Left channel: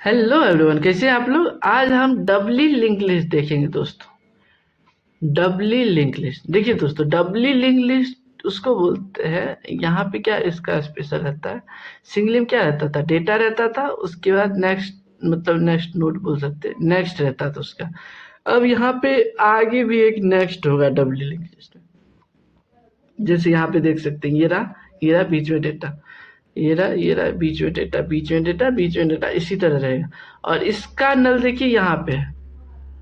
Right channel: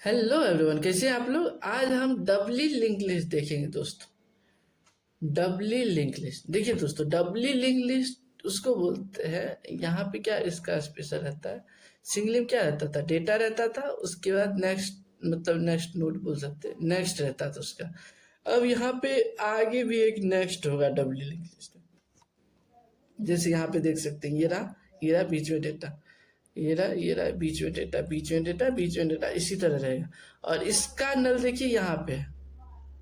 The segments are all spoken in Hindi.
हेलो एवरीवन, कैसे हैं आप लोग। आज हम डबली लिंक लिस्ट देखेंगे दोस्तों। डबली लिंक लिस्ट देखिए दोस्तों, डबली लिंक लिस्ट उसको बोलते हैं। यहाँ पे क्या इसका स्पेशल रहता है। सिंगल में क्या रहता था, डेटा रहता था, उसके बाद नेक्स्ट मतलब नेक्स्ट नोड बोल सकते हैं, नेक्स्ट रहता था उसका। अब यहाँ पे आगे भी एक नेक्स्ट होगा डबली लिंक लिस्ट में। जैसे यहाँ पे देख सकते हैं, ये रहा बीच में डेटा, ये रहा बीच में डेटा, बीच में डेटा, बीच में डेटा, इसी तरह रहेगा। और इसका नल देखिए यहाँ पे है,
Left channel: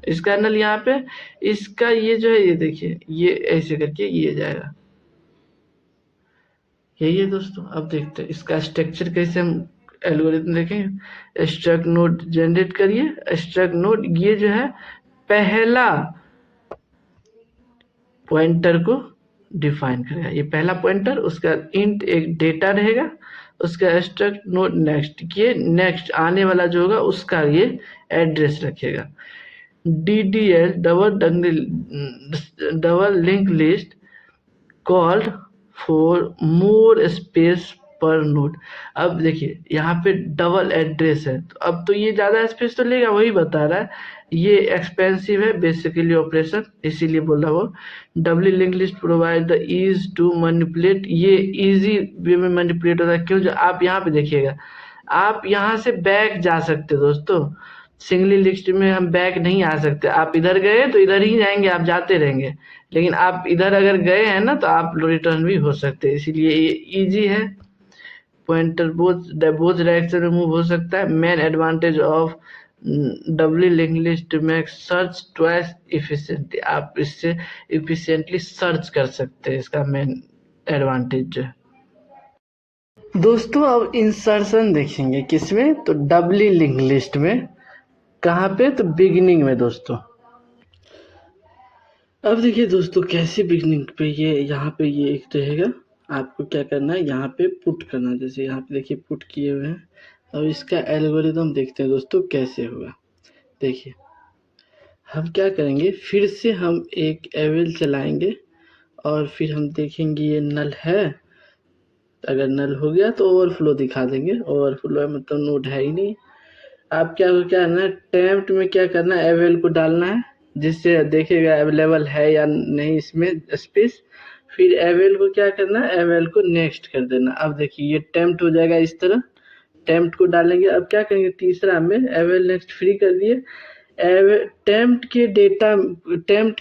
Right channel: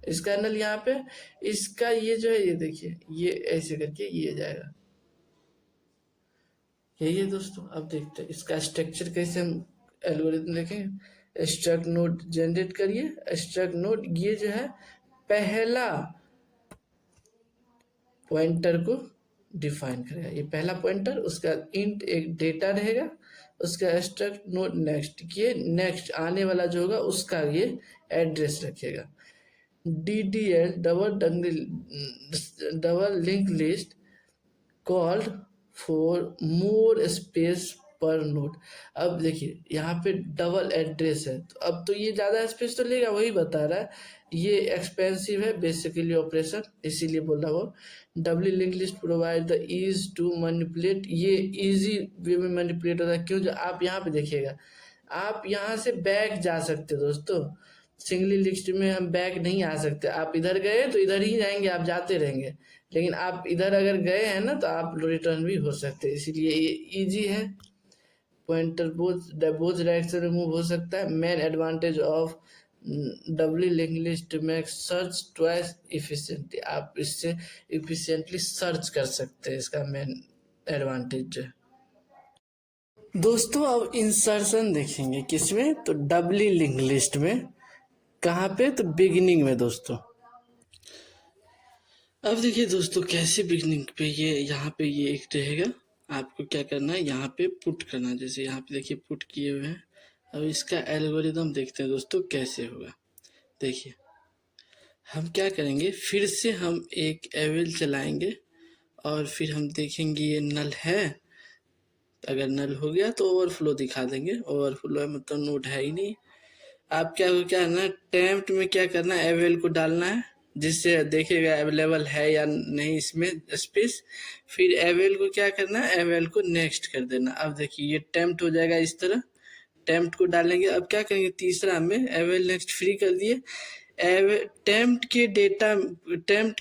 इसका नल यहाँ पे, इसका ये जो है, ये देखिए, ये ऐसे करके ये जाएगा। यही है दोस्तों। अब देखते हैं इसका स्ट्रक्चर कैसे हम एल्गोरिथम देखेंगे। स्ट्रक्ट नोड जनरेट करिए। स्ट्रक्ट नोड ये जो है पहला पॉइंटर को डिफाइन करेगा। ये पहला पॉइंटर, उसका इंट एक डेटा रहेगा, उसका स्ट्रक्ट नोड नेक्स्ट, ये नेक्स्ट आने वाला जो होगा उसका ये एड्रेस रखेगा। DDL double link list called for more space पर नोड। अब देखिए यहाँ पे डबल एड्रेस है, तो अब तो ये ज़्यादा स्पेस तो लेगा, वही बता रहा है। ये एक्सपेंसिव है बेसिकली ऑपरेशन, इसीलिए बोल रहा वो। Doubly link list provide the ease to manipulate, ये इजी वे में मैनिपुलेट होता है। क्यों, जो आप यहाँ पे देखिएगा, आप यहाँ से बैक जा सकते हो दोस्तों। सिंगली लिस्ट में हम बैक नहीं आ सकते। आप इधर गए तो इधर ही जाएंगे, आप जाते रहेंगे। लेकिन आप इधर अगर गए हैं ना, तो आप रिटर्न भी हो सकते हैं, इसीलिए ये इजी है। पॉइंटर बोथ डायरेक्शन में मूव हो सकता है। Main advantage of doubly link list में सर्च ट्वाइस इफिशिएंटली, आप इससे इफिशिएंटली सर्च कर सकते हैं, इसका मेन एडवांटेज जो है दोस्तों। अब इंसर्शन देखेंगे किसमें, तो डबली लिंक लिस्ट में। कहाँ पे, तो बिगिनिंग में दोस्तों। अब देखिए दोस्तों, कैसे बिगनिंग पे ये यहाँ पे ये एक रहेगा। आपको क्या करना है, यहाँ पे पुट करना। जैसे यहाँ पे देखिए पुट किए हुए हैं। अब इसका एल्गोरिदम देखते हैं दोस्तों कैसे होगा। देखिए हम क्या करेंगे, फिर से हम एक एवेल चलाएंगे और फिर हम देखेंगे ये नल है। अगर नल हो गया तो ओवरफ्लो दिखा देंगे। ओवरफ्लो है मतलब नोड है ही नहीं। आप क्या करना है, टेम्प्ट में क्या करना है, एवेल को डालना है, जिससे देखेगा अवेलेबल है या नहीं इसमें स्पेस। फिर एवेल को क्या करना है, एवेल को नेक्स्ट कर देना। अब देखिए ये टेम्प्ट हो जाएगा इस तरह। टेम्प्ट को डालेंगे। अब क्या करेंगे, तीसरा में एवेल नेक्स्ट फ्री कर दिए। टेम्प्ट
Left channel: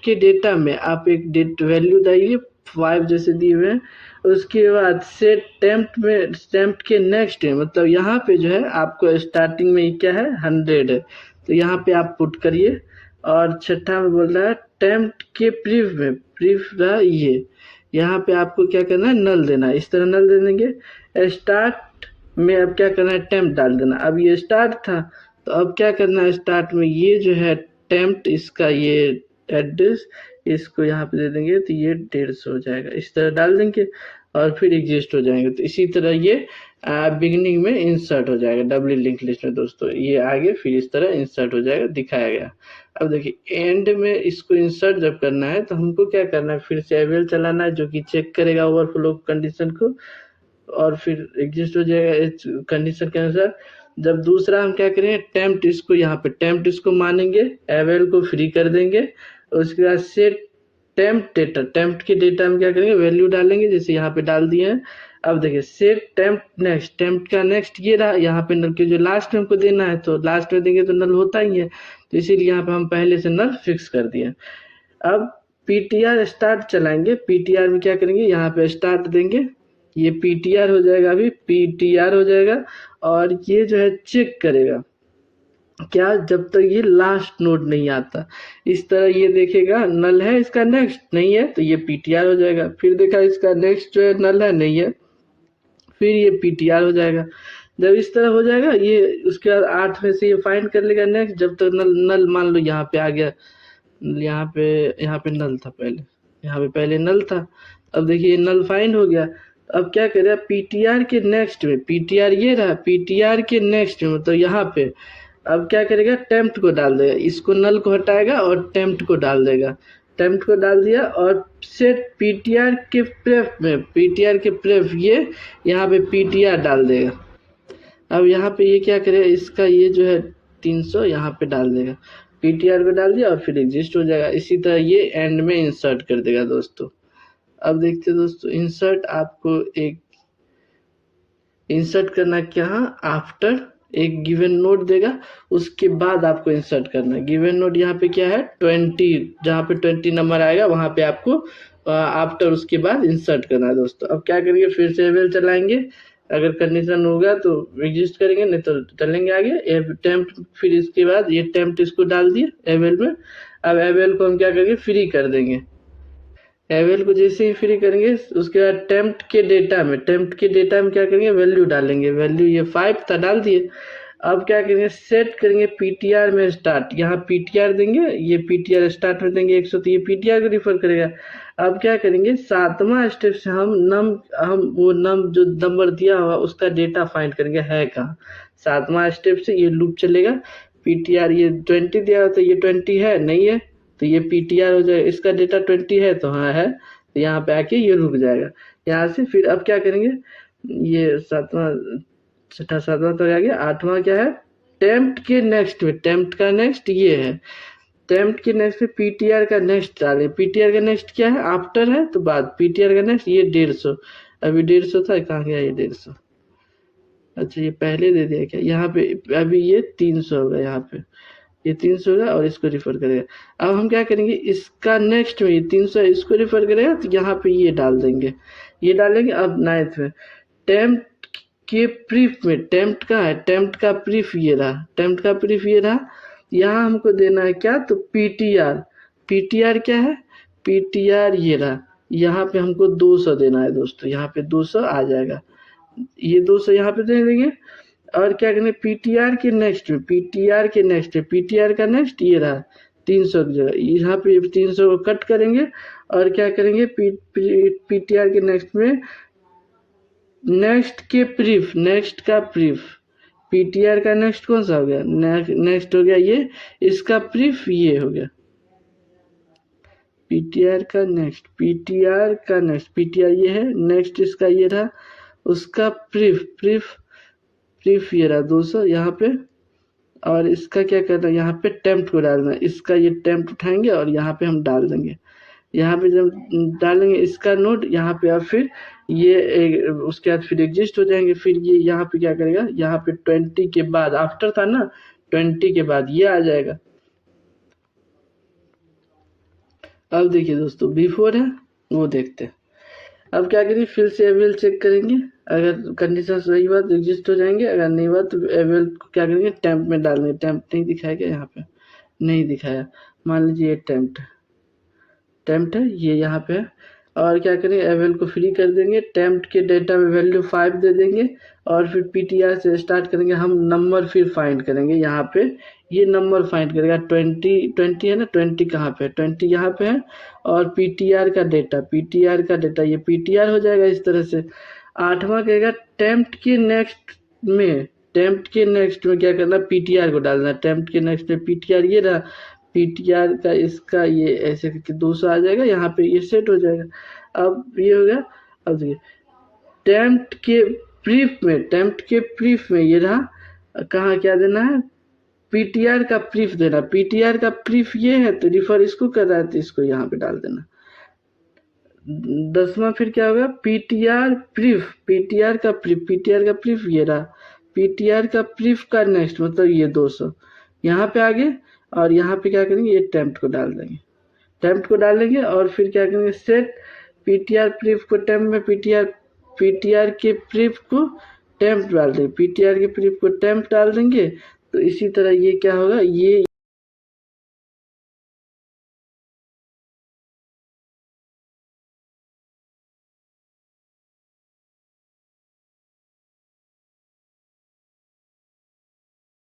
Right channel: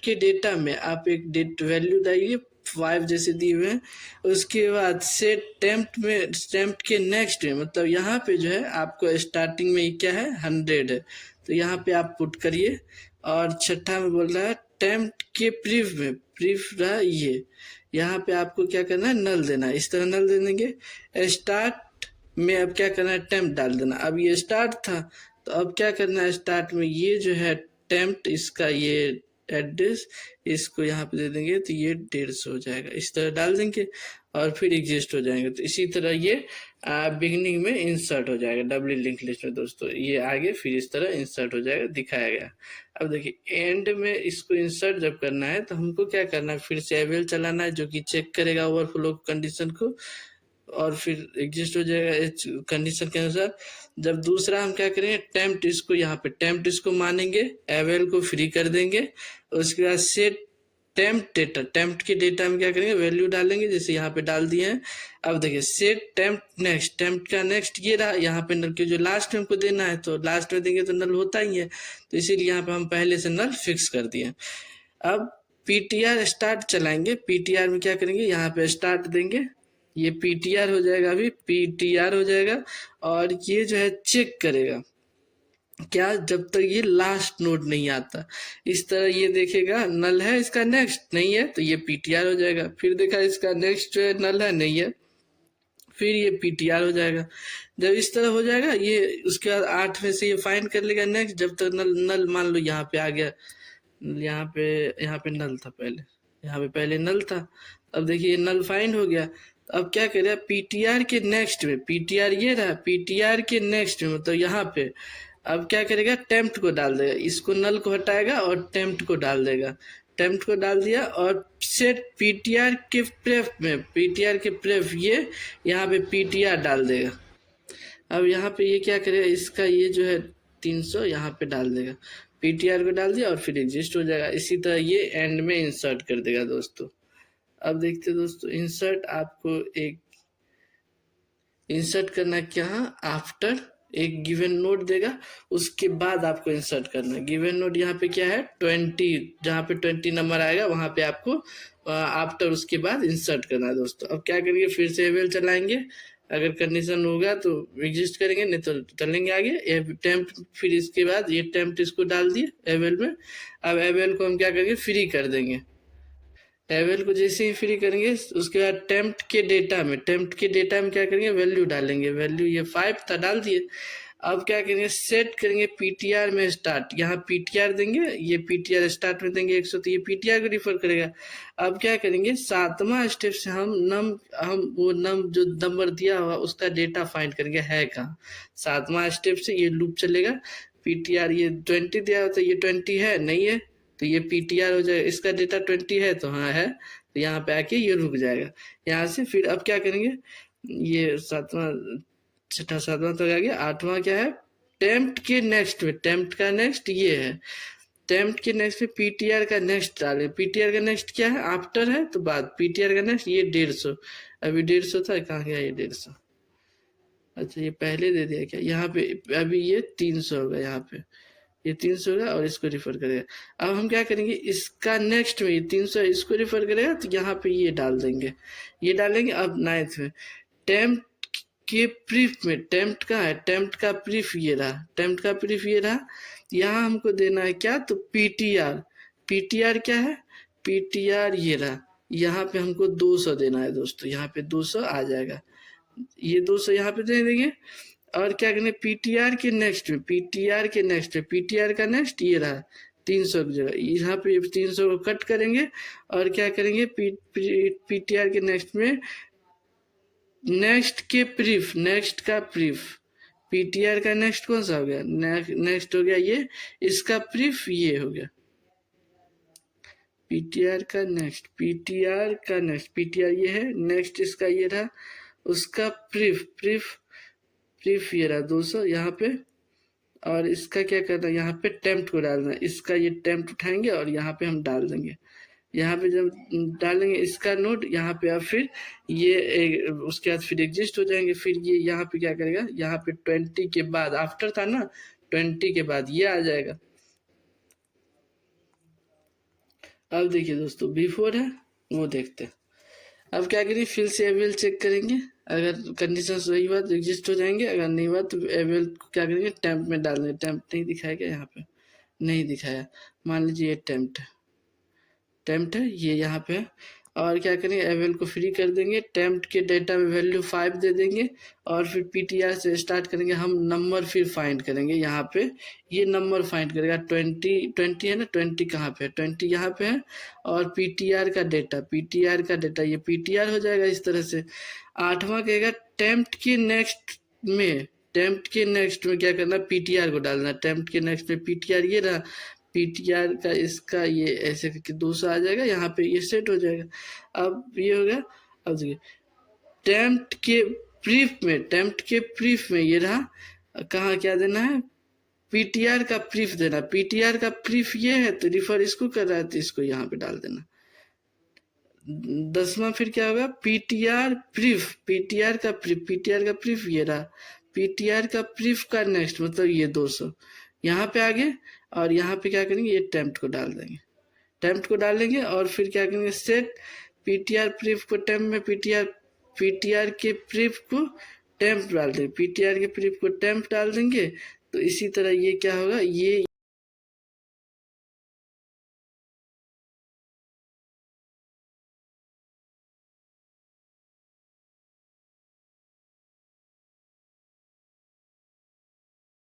के डेटा में आप एक डेट वैल्यू डालिए, 5 जैसे दिए हुए हैं। उसके बाद से टेम्प्ट के नेक्स्ट में, मतलब यहाँ पे जो है आपको स्टार्टिंग में क्या है, 100 है, तो यहाँ पे आप पुट करिए। और छठा में बोल रहा है टेम्प्ट के प्रीफ में, प्रीफ रहा ये, यहाँ पे आपको क्या करना है, नल देना है। इस तरह नल दे देंगे। स्टार्ट में अब क्या करना है, टेम्प्ट डाल देना। अब ये स्टार्ट था, तो अब क्या करना है, स्टार्ट में ये जो है टेम्प्ट, इसका ये एड्रेस, इसको यहाँ पे दे देंगे, तो ये 150 हो जाएगा। इस तरह डाल देंगे और फिर एग्जिस्ट हो जाएंगे। तो इसी तरह ये बिगिनिंग में इंसर्ट हो जाएगा डबली लिंक लिस्ट में दोस्तों। ये आगे फिर इस तरह इंसर्ट हो जाएगा, दिखाया गया। अब देखिए एंड में इसको इंसर्ट जब करना है, तो हमको क्या करना है, फिर से एवेल चलाना है, जो कि चेक करेगा ओवरफ्लो कंडीशन को, और फिर एग्जिस्ट हो जाएगा इस कंडीशन के अनुसार। जब दूसरा हम क्या करेंगे, टेम्प्ट, इसको यहाँ पे टेम्प्ट इसको मानेंगे, एवेल को फ्री कर देंगे। उसके बाद सेट टेम्प्ट डेटा, टेम्प्ट के डेटा में क्या करेंगे, वैल्यू डालेंगे, जैसे यहाँ पे डाल दिए हैं। अब देखिए सेट टेम्प्ट नेक्स्ट, टेम्प्ट का नेक्स्ट ये रहा, यहाँ पे नल के जो लास्ट में हमको देना है, तो लास्ट में देंगे तो नल होता ही है, तो इसीलिए यहाँ पे हम पहले से नल फिक्स कर दिए। अब PTR स्टार्ट चलाएंगे। PTR में क्या करेंगे, यहाँ पे स्टार्ट देंगे, ये PTR हो जाएगा, अभी PTR हो जाएगा। और ये जो है चेक करेगा क्या, जब तक ये लास्ट नोड नहीं आता। इस तरह ये देखेगा नल है, इसका नेक्स्ट नहीं है, तो ये PTR हो जाएगा। फिर देखा इसका नेक्स्ट जो है नल है, नहीं है, फिर ये PTR हो जाएगा। जब इस तरह हो जाएगा, ये उसके बाद 8 में से ये फाइंड कर लेगा नेक्स्ट, जब तक नल मान लो यहाँ पे आ गया, यहाँ पे नल था पहले, यहाँ पे पहले नल था। अब देखिए ये नल फाइंड हो गया। अब क्या करेगा, PTR के नेक्स्ट में, PTR ये रहा, PTR के नेक्स्ट में, तो यहाँ पे अब क्या करेगा, टेम्प्ट को डाल देगा, इसको नल को हटाएगा और टेम्प्ट को डाल देगा। टेम्प्ट को डाल दिया और सेट PTR के प्रेफ में, PTR के प्रेफ ये यहाँ पे PTR डाल देगा। अब यहाँ पे ये क्या करेगा, इसका ये जो है 300 यहाँ पे डाल देगा, पीटीआर को डाल दिया और फिर एग्जिस्ट हो जाएगा। इसी तरह ये एंड में इंसर्ट कर देगा दोस्तों। अब देखते हैं दोस्तों, इंसर्ट आपको एक इंसर्ट करना क्या है, आफ्टर एक गिवन नोड देगा, उसके बाद आपको इंसर्ट करना है। गिवन नोड यहाँ पे क्या है 20, जहाँ पे 20 नंबर आएगा वहाँ पे आपको आफ्टर उसके बाद इंसर्ट करना है दोस्तों। अब क्या करेंगे, फिर से एवेल चलाएंगे, अगर कंडीशन होगा तो एग्जिस्ट करेंगे, नहीं तो चलेंगे आगे। टेम्प, फिर इसके बाद ये टेम्प इसको डाल दिए एवेल में। अब एवेल को हम क्या करेंगे, फ्री कर देंगे। एवेल को जैसे ही फ्री करेंगे उसके बाद टेम्प्ट के डेटा में क्या करेंगे, वैल्यू डालेंगे। वैल्यू ये 5 था, डाल दिए। अब क्या करेंगे, सेट करेंगे पीटीआर में स्टार्ट, यहाँ पीटीआर देंगे, ये पीटीआर स्टार्ट में देंगे 100, तो ये पीटीआर को रिफर करेगा। अब क्या करेंगे, 7वां स्टेप से हम वो जो नंबर दिया हुआ उसका डेटा फाइंड करेंगे है कहाँ। 7वां स्टेप से ये लूप चलेगा। पीटीआर ये 20 दिया हुआ, तो ये 20 है नहीं है, तो ये पीटीआर हो जाएगा। इसका डेटा 20 है तो हाँ है, तो यहाँ पे आके ये रुक जाएगा। यहाँ से फिर अब क्या करेंगे, ये 7वां, 7वां तो आ गया। 8वां क्या है, टेम्प्ट के नेक्स्ट में, टेम्प्ट का नेक्स्ट ये है, टेम्प्ट के नेक्स्ट पे पीटीआर का नेक्स्ट डालें। पीटीआर का नेक्स्ट क्या है, आफ्टर है तो बाद, पीटीआर का नेक्स्ट ये 150, अभी 150 था, कहाँ गया ये 150, अच्छा ये पहले दे दिया क्या, यहाँ पे अभी ये 300 होगा, यहाँ पे ये 300 होगा और इसको रिफर करेगा। अब हम क्या करेंगे, इसका नेक्स्ट में ये 300 इसको रिफर करेगा, तो यहाँ पे ये डाल देंगे, ये डालेंगे। अब 9th में टेम्प्ट के प्रीफ में, टेम्प्ट का है, टेम्प्ट का प्रीफ ये रहा, टेम्प्ट का प्रीफ ये रहा। यहाँ हमको देना है क्या, तो पीटीआर, पीटीआर क्या है, पीटीआर ये रहा। यहाँ पे हमको 200 देना है दोस्तों, यहाँ पे 200 आ जाएगा, ये 200 यहाँ पे दे देंगे। और क्या करेंगे, पीटीआर के नेक्स्ट में, पीटीआर के नेक्स्ट में, पीटीआर का नेक्स्ट ये रहा 300 की जगह, यहाँ पे 300 को कट करेंगे और क्या करेंगे, पीटीआर के नेक्स्ट में नेक्स्ट के प्रीफ, नेक्स्ट का प्रीफ, पीटीआर का नेक्स्ट कौन सा हो गया, नेक्स्ट हो गया ये, इसका प्रीफ ये हो गया, पीटीआर का नेक्स्ट, पीटीआर का नेक्स्ट, पीटीआर ये है, नेक्स्ट इसका ये रहा, उसका प्रीफ, प्रीफ ये रहा 200 यहाँ पे। और इसका क्या करना है, यहाँ पे टेम्प्ट को डालना है, इसका ये टेम्प्ट उठाएंगे और यहाँ पे हम डाल देंगे। यहाँ पे जब डालेंगे इसका नोड, यहाँ पे अब फिर ये उसके बाद फिर एग्जिस्ट हो जाएंगे। फिर ये यहाँ पे क्या करेगा, यहाँ पे 20 के बाद, आफ्टर था ना, 20 के बाद ये आ जाएगा। अब देखिए दोस्तों, बिफोर है वो देखते हैं। अब क्या करिए, फिर से एवेल चेक करेंगे, अगर कंडीशन सही हुआ तो एग्जिस्ट हो जाएंगे, अगर नहीं हुआ तो एवेल को क्या करेंगे, टेम्प में डालेंगे। टेम्प नहीं दिखाएगा, यहाँ पे नहीं दिखाया, मान लीजिए ये टेम्प्ट है, ये यहाँ पे है। और क्या करेंगे, एवेल को फ्री कर देंगे, टेम्प्ट के डेटा में वैल्यू 5 दे देंगे और फिर पीटीआर से स्टार्ट करेंगे। हम नंबर फिर फाइंड करेंगे, यहाँ पे ये नंबर फाइंड करेगा, 20 है ना, 20 कहाँ पे है, 20 यहाँ पे है। और पीटीआर का डेटा ये पीटीआर हो जाएगा इस तरह से। 8वां कहेगा टेम्प्ट के नेक्स्ट में, टेम्प्ट के नेक्स्ट में क्या करना, पीटीआर को डालना। टेम्प्ट के नेक्स्ट में पीटीआर ये रहा, पीटीआर का इसका ये ऐसे करके 200 आ जाएगा, यहाँ पे ये सेट हो जाएगा। अब ये हो गया। अब देखिए, टेम्प्ट के प्रीफ में ये रहा, कहाँ क्या देना है, पीटीआर का प्रीफ देना। पीटीआर का प्रीफ ये है तो रिफर इसको कर रहा है, तो इसको यहाँ पे डाल देना। 10वां फिर क्या होगा, पीटीआर का प्रीफ ये रहा, पीटीआर का प्रीफ का नेक्स्ट मतलब ये 200 यहाँ पे आगे। और यहाँ पे क्या करेंगे, ये टेम्प्ट को डाल देंगे, और फिर क्या करेंगे, सेट पीटीआर प्रीफ को टेम्प में, पीटीआर के प्रीफ को टेम्प डाल देंगे, पीटीआर के प्रीफ को टेम्प डाल देंगे। तो इसी तरह ये क्या होगा, ये